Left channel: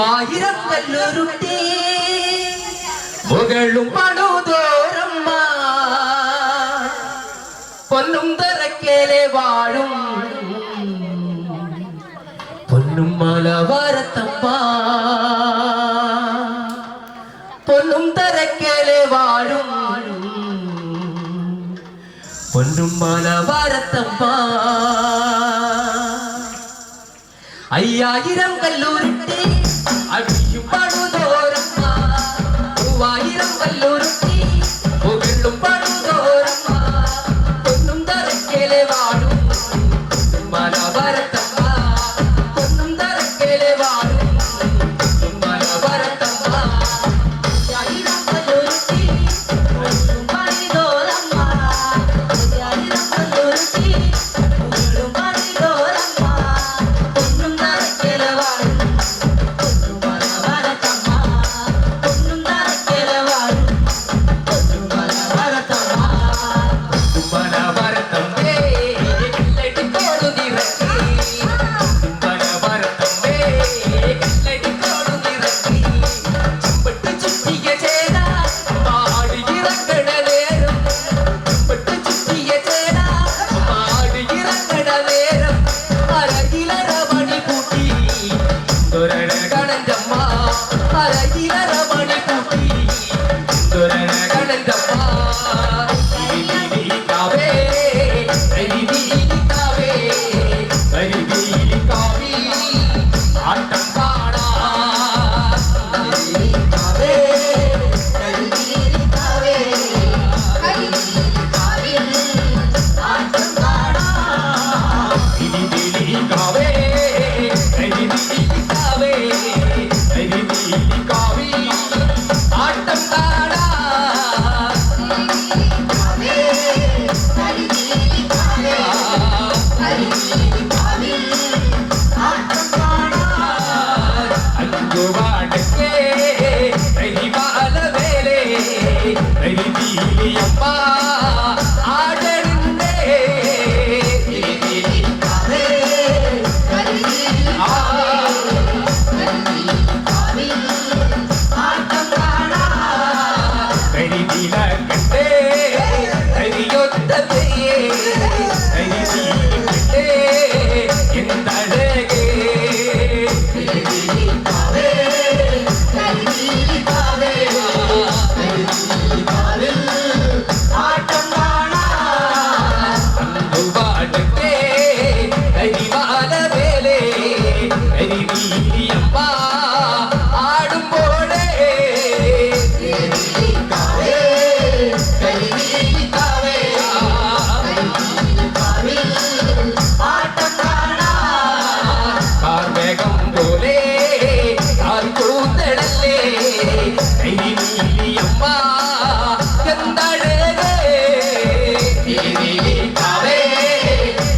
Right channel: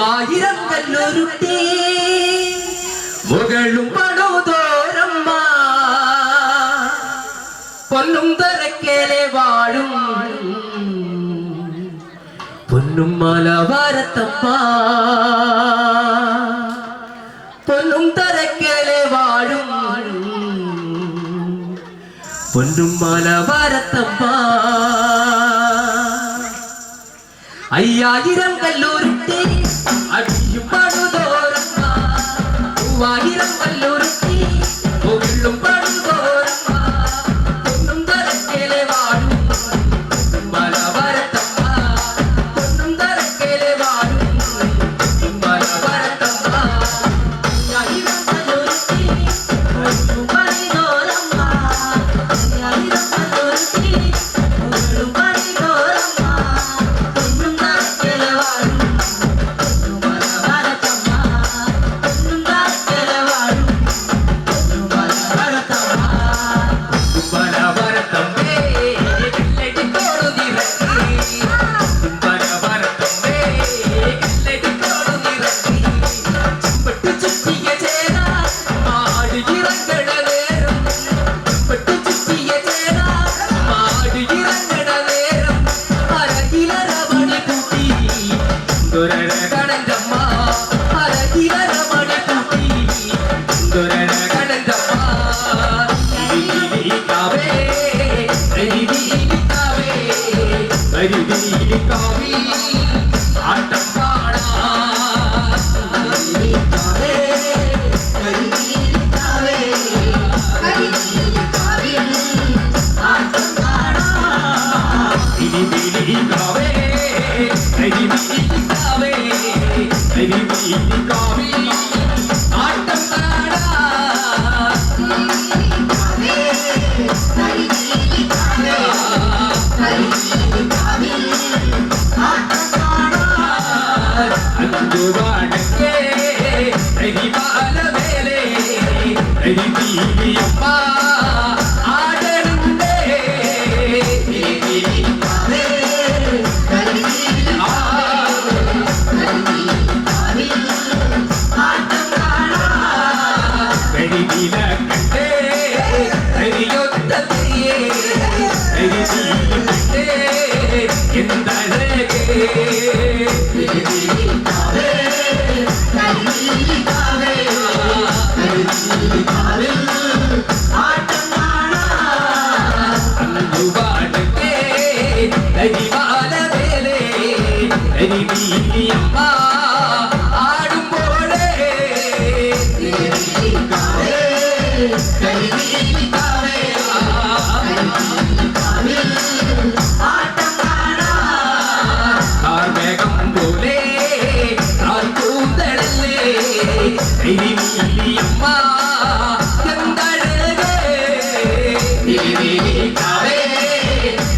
മൂവായിരം കല്ലുരുട്ടി മുകളും പണുതോരമ്മ പൊന്നും തറക്കേലെ വാഴും പൊന്നും മലവാരത്തമ്മ പൊന്നും തറക്കേലെ വാഴും പൊന്നും മലവാരത്തമ്മ അയ്യായിരം കല്ലുരുട്ടി അടിയും പണുതോരമ്മ മൂവായിരം കല്ലുരുട്ടി മുകളും പണുതോരമ്മ പൊന്നും തറക്കേലെ വാഴും മലവാരത്തമ്മ പൊന്നും തറക്കേലെ വാഴും മലവാരത്തമ്മ അയ്യായിരം കല്ലുരുട്ടി മുകളും പണുതോരമ്മ അയ്യായിരം കല്ലുരുട്ടി മുകളും പണുതോരമ്മ പൊന്നും തറക്കേലെ വാഴും മലവാരത്തമ്മ പൊന്നും തറക്കേലെ വാഴും മലവാരത്തമ്മ മലവാരത്തമ്മേ കല്ലടിക്കോടു നിറക്കി മലവാരത്തമ്മേ കല്ലടിക്കോടു നിറക്കി ചെമ്പട്ട് ചുറ്റിയ ചേന മാടിയിറങ്ങണ നേരം ചെമ്പട്ട് ചുറ്റിയ ചേന മാടിയിറങ്ങണ നേരം അരകിലര മണി കൂട്ടി കണഞ്ചമ്മ അരകിലര മണി കൂട്ടി കണഞ്ചമ്മ ിരിക്കാവേ രിരിക്കാവേ രിരിക്കാവേ ആട്ടം പാടാം രിരിക്കാവേ രിരിക്കാവേ രിരിക്കാവേ ആട്ടം പാടാം രിരിക്കാവേ രിരിക്കാവേ രിരിക്കാവേ ആട്ടം പാടാം അഞ്ചുവാടക്കേ കരിവാലവേലേ കരിവീരിയമ്മ ആടരുന്നേ കരിവീരിക്കാവേ ആട്ടം കാണാം കരിവിലക്കട്ടേ കരിയൊത്തതേ കരിവീരക്കട്ടേ എന്തഴകേ ആട്ടം കാണാം അഞ്ചുവാടക്കേ കരിവാലവേലേ കരിവീരിയമ്മ ആടുമ്പോഴേ കരിവീരിക്കാവേ കരിവീരിക്കാവേ ആട്ടം കാണാം ആർവേഗം പോലെ ആർക്കൂത്തടല്ലേ കരിവീരിയമ്മ എന്തഴകേ കരിവീരിക്കാവേ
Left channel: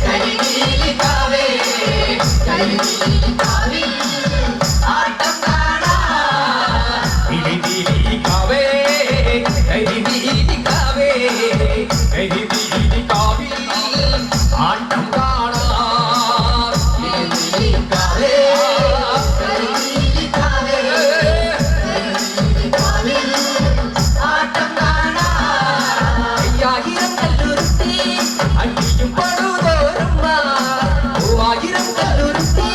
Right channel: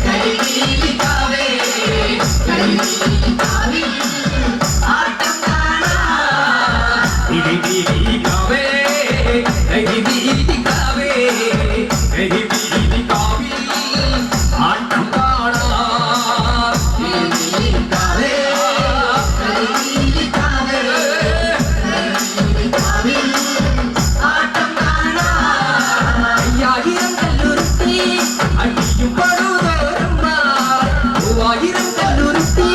കരിവീരിക്കാവേ കരിവീരിക്കാവേ ആട്ടം കാണാം കരിവീരിക്കാവേ കരിവീരിക്കാവേ കരിവീരിക്കാവേ ആട്ടം കാണാം കരിവീരിക്കാവേ കരിവീരിക്കാവേ ആട്ടം കാണാം അയ്യായിരം കല്ലുരുട്ടി അടിയും പണുതോരമ്മ മൂവായിരം കല്ലുരുട്ടി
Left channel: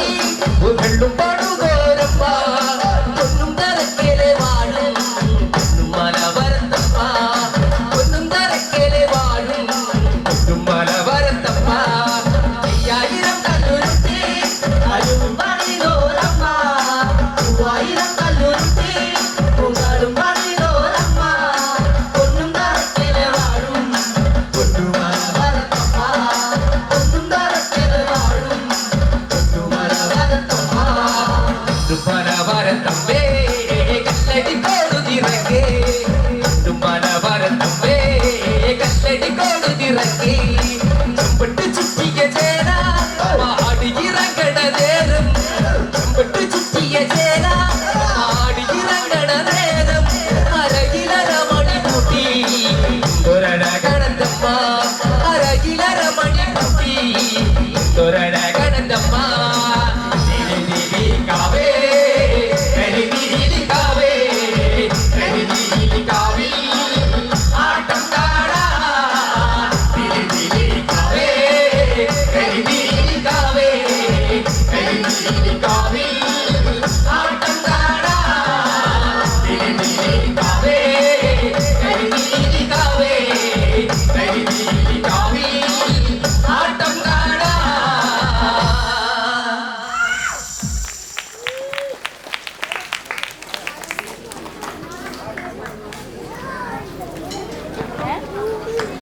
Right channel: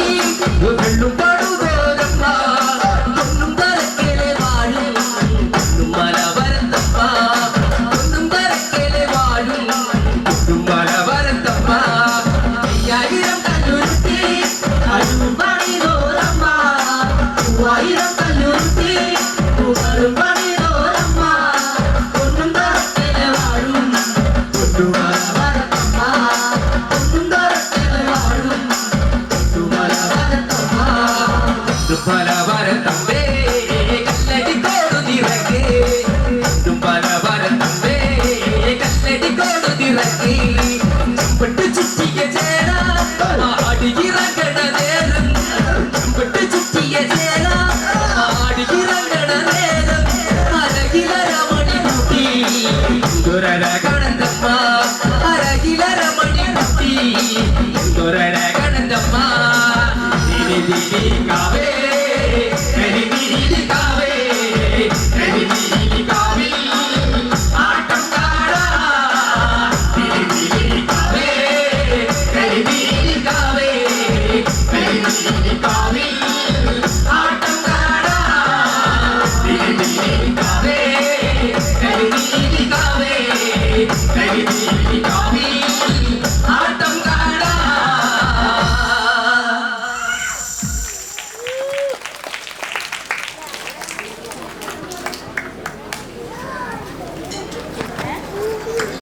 മുകളും പണുതോരമ്മ പൊന്നും തറക്കേലെ വാഴും പൊന്നും മലവാരത്തമ്മ പൊന്നും തറക്കേലെ വാഴും പൊന്നും മലവാരത്തമ്മ അയ്യായിരം കല്ലുരുട്ടി മുകളും പണുതോരമ്മ മൂവായിരം കല്ലുരുട്ടി മുകളും പണുതോരമ്മ പൊന്നും തറക്കേലെ വാഴും പൊന്നും മലവാരത്തമ്മ പൊന്നും തറക്കേലെ വാഴും പൊന്നും മലവാരത്തമ്മ മലവാരത്തമ്മേ കല്ലടിക്കോടു നിറക്കി മലവാരത്തമ്മേ കല്ലടിക്കോടു നിറക്കി ചെമ്പട്ട് ചുറ്റിയ ചേന ആടിയിറങ്ങണ നേരം ചെമ്പട്ട് ചുറ്റിയ ചേന ആടിയിറങ്ങണ നേരം അരകിലര മണി കൂട്ടി കണഞ്ചമ്മ അരകിലര മണി കൂട്ടി